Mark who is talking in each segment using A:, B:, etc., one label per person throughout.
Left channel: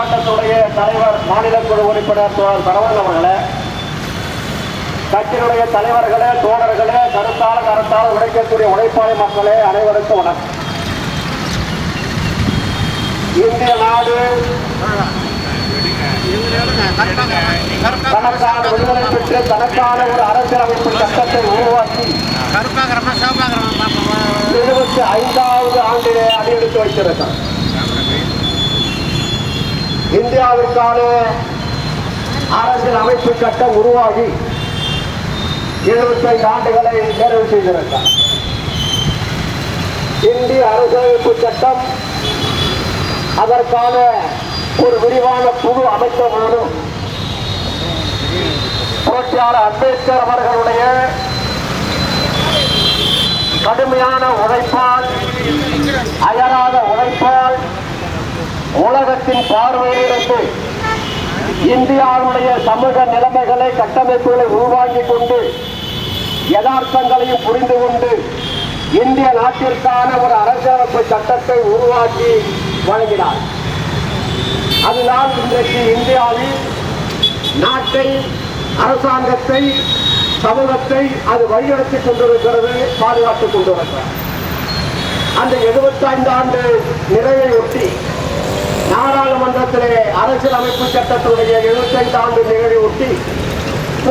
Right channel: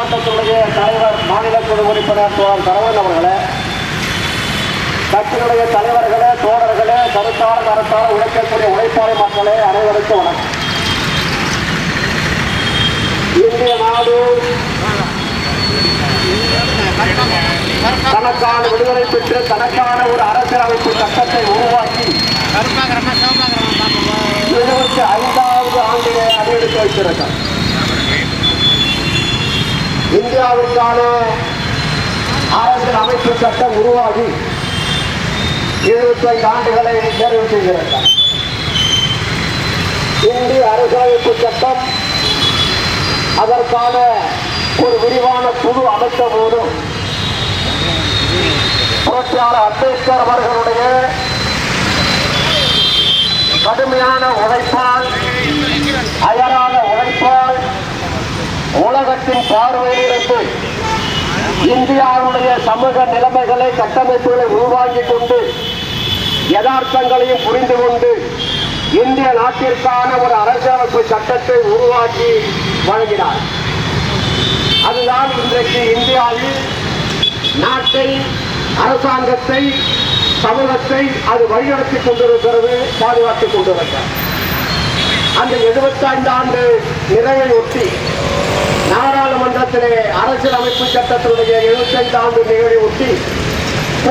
A: ஆர்ப்பாட்டத்துடைய தலைவர் மாநில குழு உறுப்பினர் தோழர் சரவணன் அவர்களே கட்சியினுடைய தலைவர்களே தோழர்களே கருத்தால கருத்தால உழைக்கக்கூடிய உழைப்பாளி மக்களே அனைவருக்கும் வணக்கம். இந்திய நாடு தனக்கான விடுதலை பெற்று தனக்கான ஒரு அரசியலமைப்பு சட்டத்தை உருவாக்கி இருபத்தி ஐந்தாவது ஆண்டிலே அடியெடுத்து வைத்திருக்கிறார். இந்தியாவிற்கான அரசியல் அமைப்பு சட்டம் உருவாகி எழுபத்தைந்து ஆண்டுகளை நிறைவு செய்திருந்தார் இந்திய அரசியலமைப்பு சட்டம் அதற்கான ஒரு விரிவான குழு அமைத்தபோது புரட்சியாளர் அம்பேத்கர் அவர்கள் உலகத்தின் பார்வையிலிருந்து இந்தியாவுடைய சமூக நிலைமைகளை கட்டமைப்புகளை உருவாக்கிக் கொண்டு யதார்த்தங்களையும் புரிந்து கொண்டு இந்திய நாட்டிற்கான ஒரு அரசியலமைப்பு சட்டத்தை உருவாக்கி வழங்கினார். அதுதான் இன்றைக்கு இந்தியாவில் நாட்டை அரசாங்கத்தை சமூகத்தை அது வழிநடத்திக் கொண்டிருக்கிறது பாதுகாத்துக் கொண்டிருக்கிறது. அந்த 75 ஆண்டு நிறைவை ஒட்டி நாடாளுமன்றத்திலே அரசியலமைப்பு சட்டத்தினுடைய 75 ஆண்டு நிகழ்வை ஒட்டி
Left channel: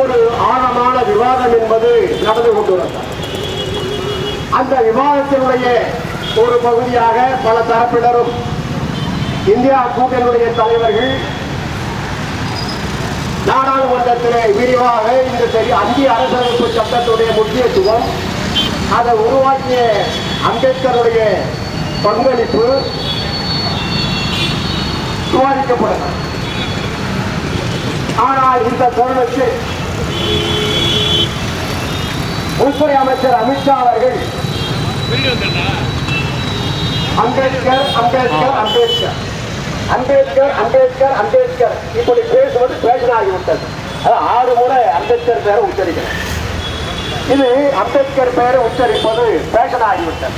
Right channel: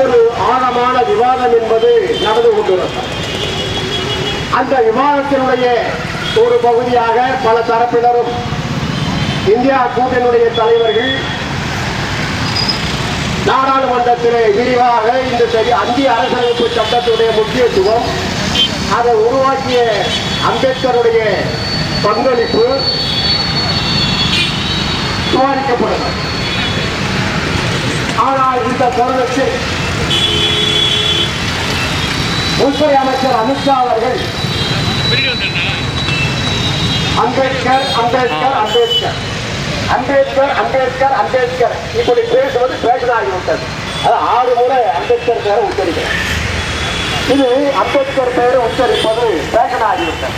A: ஒரு ஆழமான விவாதம் என்பது நடந்து கொண்டுள்ளது அந்த விவாதத்தினுடைய ஒரு பகுதியாக பல தரப்பினரும் இந்தியா கூட்டணியுடைய தலைவர்கள் நாடாளுமன்றத்திலே விரிவாக இந்த சரி இந்திய அரசியலமைப்பு சட்டத்துடைய முக்கியத்துவம் அதை உருவாக்கிய அம்பேத்கருடைய பங்களிப்பு விவாதிக்கப்படலாம் ஆனால் இந்த தருணத்தில் உள்துறை அமைச்சர் அமித்ஷா அவர்கள் அம்பேத்கர் அம்பேத்கர் அம்பேத்கர். அம்பேத்கர் அம்பேத்கர் அம்பேத்கர். இப்படி பேசுவது பேஷன் ஆகிவிட்டது அது ஆறு முறை அம்பேத்கர் பேரை உச்சரிக்கிறோம் இது அம்பேத்கர் பெயரை உச்சரிப்பது பேஷன் ஆகிவிட்டது